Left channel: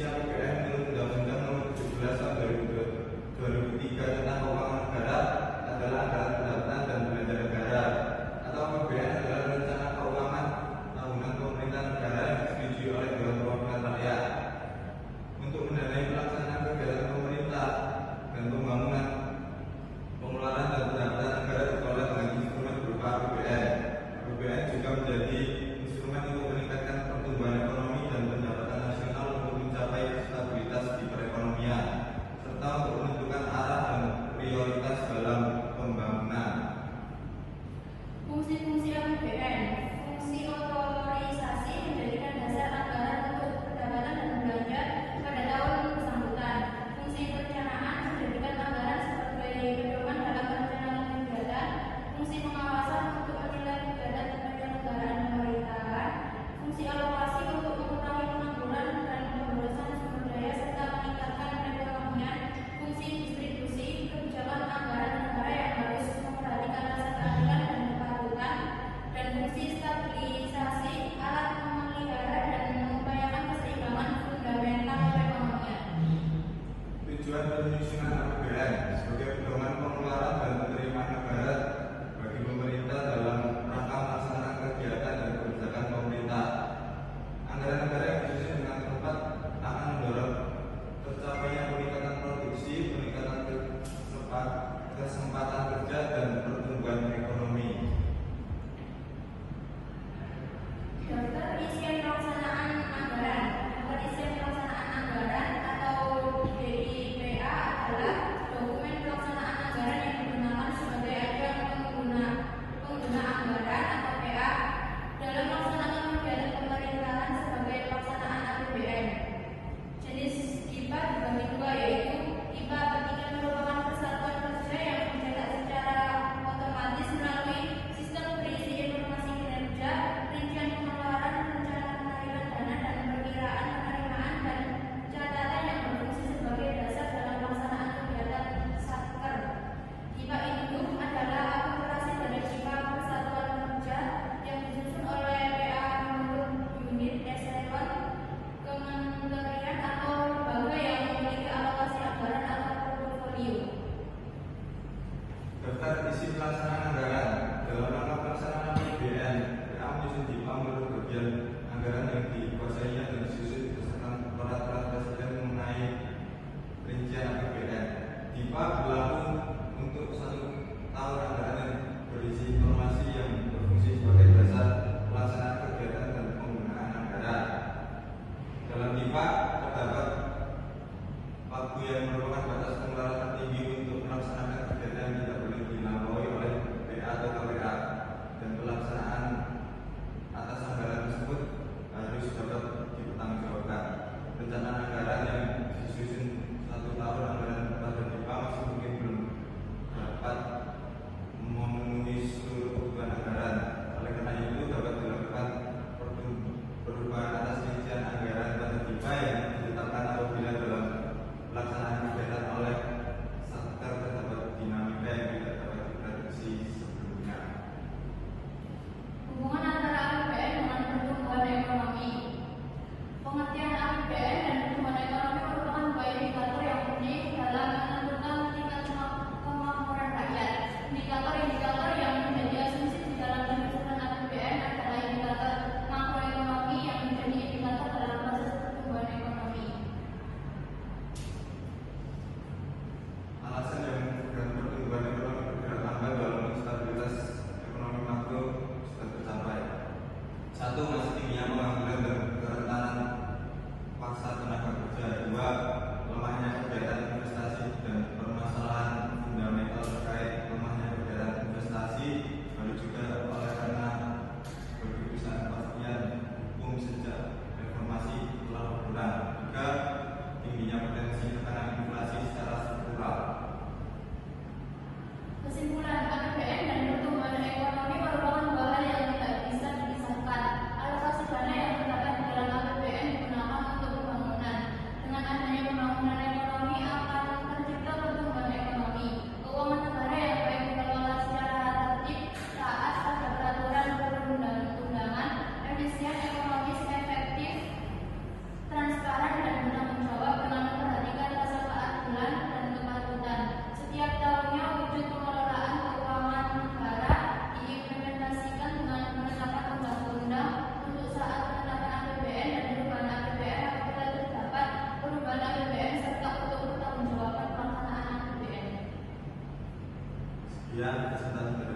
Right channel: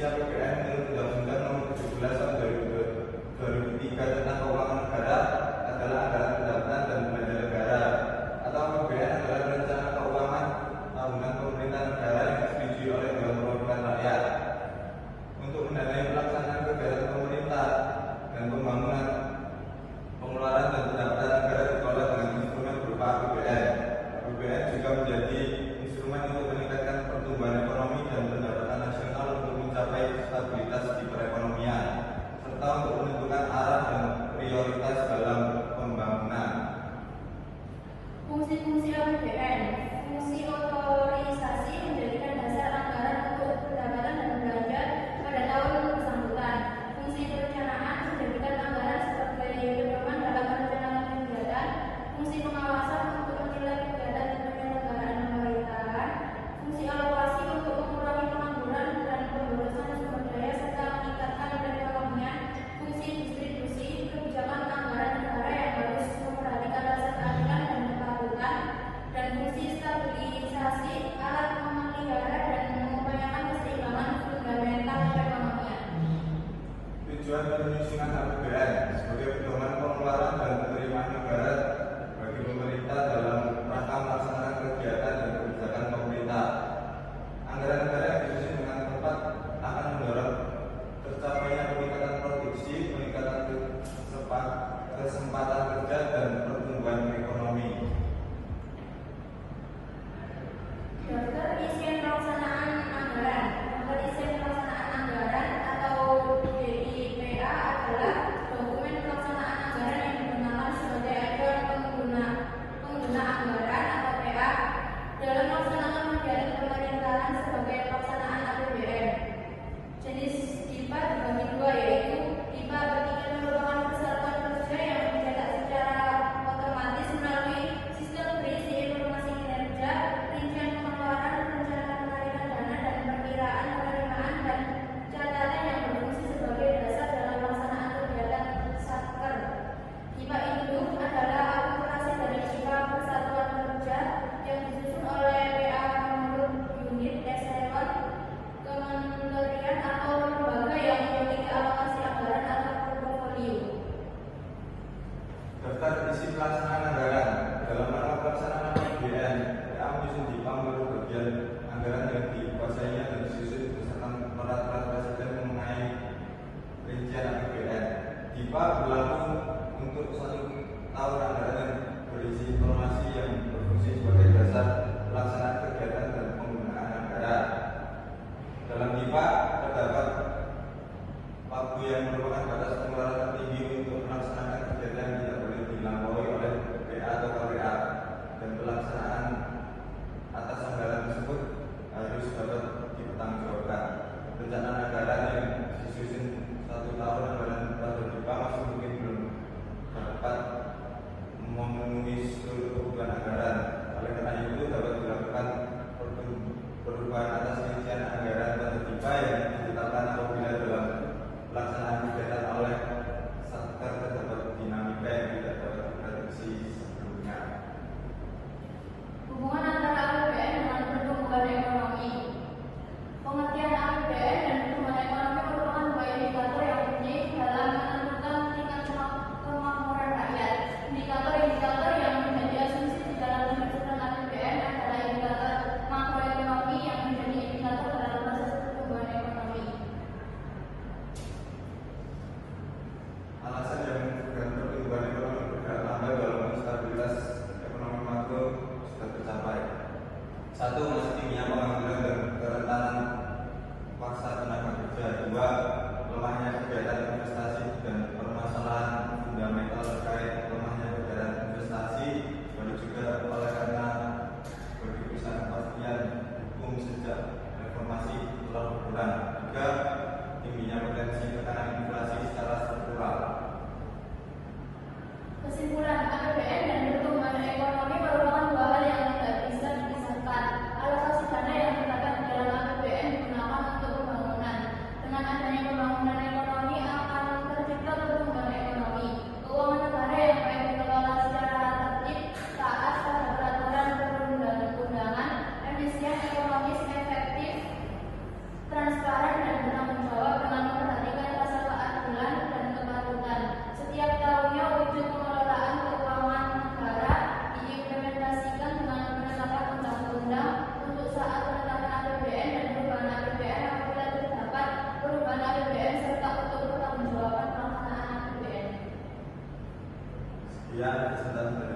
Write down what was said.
Revisi APBN menurut Undang-Undang Nomor 17 Tahun 2003 tentang Keuangan Negara adalah anggaran pendapatan dan belanja negara, atau APBN adalah rencana keuangan tahunan pemerintah negara yang disetujui oleh Dewan Perwakilan Rakyat untuk mendanai pelaksanaan kegiatan pemerintah dan pembangunan. Pengeluaran dan pendapatan negara dikelola dengan instrumen berupa APBN. APBN juga menjadi instrumen untuk meningkatkan pertumbuhan ekonomi dan pendapatan nasional untuk mencapai stabilitas di perekonomian, serta untuk menentukan arah dan prioritas dalam pembangunan. Fungsi-fungsi APBN. Fungsi otorisasi menjadikan dasar anggaran untuk pendapatan dan belanja pada tahun bersangkutan. Fungsi perencanaan menjadikan anggaran sebagai pedoman dalam perencanaan kegiatan. Fungsi pengawasan untuk menilai kegiatan penyelenggaraan pemerintahan. Fungsi alokasi untuk mengurangi pengangguran dan pemborosan sumber daya serta meningkatkan perekonomian. Fungsi distribusi kebijakan anggaran negara yang harus memperhatikan rasa keadilan dan kepatutan. Dan fungsi stabilisasi alat memelihara dan mengupayakan keseimbangan fundamental perekonomian. Tujuan penyusunan APBN sebagai pedoman pengeluaran dan penerimaan negara bagi pemerintah dalam rangka melaksanakan kegiatan dan kebijakan pemerintah. Anggaran negara yang disusun dengan tepat akan mendorong tercapainya peningkatan produksi, peningkatan kesempatan kerja, dan pertumbuhan ekonomi. Daftar isian pelaksanaan anggaran. Daftar isian pelaksanaan anggaran atau DIPA adalah dokumen pelaksanaan anggaran yang digunakan sebagai acuan pengguna anggaran atau PA dalam melaksanakan kegiatan pemerintahan sebagai pelaksanaan APBN. Jenis DIPA dibagi dua, yaitu DIPA bertiga merupakan persatuan kerja yang dicetak secara otomatis melalui sistem berisi informasi kinerja, rincian pengeluaran, rencana penarikan dana, dan perkiraan penerimaan dan catatan yang berfungsi sebagai dasar dalam pelaksanaan kegiatan satker. DIPA induk adalah akumulasi dari DIPA persatuan kerja yang disusun oleh PA menurut unit eselon kementerian atau lembaga yang memiliki alokasi anggaran atau portofolio. Daftar isi pelaksanaan anggaran. Dalam rangka pelaksanaan APBN, PA menyusun DIPA menurut bagian anggaran yang dikuasainya dan disusun beserta peraturan presiden mengenai rincian APBN. DIPA berlaku untuk 1 tahun anggaran yang berisi informasi yang berfungsi sebagai dasar pelaksanaan kegiatan dan penggunaan anggaran. Dalam DIPA terdapat waktu yang merupakan batas pengeluaran tertinggi untuk melaksanakan kegiatan yang tidak boleh dilampaui oleh PA atau KPA, dan pelaksanaan atas anggaran tersebut harus dapat dipertanggungjawabkan. Rencana anggaran yang disusun 1 tahun anggaran pada DIPA masih mungkin belum dapat memenuhi seluruh kebutuhan anggaran. Oleh karena itu dapat dilakukan perubahan atas rincian anggaran pada DIPA yang ditetapkan apabila dalam pelaksanaan kegiatan oleh satker terdapat dinamika yang tidak dapat diprediksi sebelumnya. Hubungan antara APBN dengan pertumbuhan ekonomi. Pengertian APBN dan pertumbuhan ekonomi merupakan dua indikator yang penting dalam menentukan tingkat kemakmuran rakyat. Indikator yang menjadi asumsi di dalam penyusunan APBN adalah indikator makroekonomi yang menjadi indikator dalam proses pertumbuhan ekonomi. Alasan yang membuat pertumbuhan ekonomi bergerak lambat dalam stabilitas ekonomi makro sudah tercapai. 1. Masih tingginya pengangguran dan kerentanan paksa tenaga kerja. 2. Lemahnya kegiatan investasi dan permasalahan fundamental terkait lemahnya kegiatan investasi, lalu juga oleh karena berbagai ketidakpastian hukum sejak reformasi telah berkurang. 3. Tingginya potensi tekanan inflasi secara struktural. Kesimpulan, APBN dan pertumbuhan ekonomi merupakan dua hal yang tidak bisa dipisahkan. Alokasi dana yang terdapat di dalam APBN digunakan untuk pembangunan. Dengan adanya pembangunan ekonomi akan tercipta pertumbuhan ekonomi. Keuangan negara yang baik dikelola secara tertib, taat pada peraturan perundang-undangan, efisien, ekonomis, efektif, transparan, dan bertanggung Ya, presentasi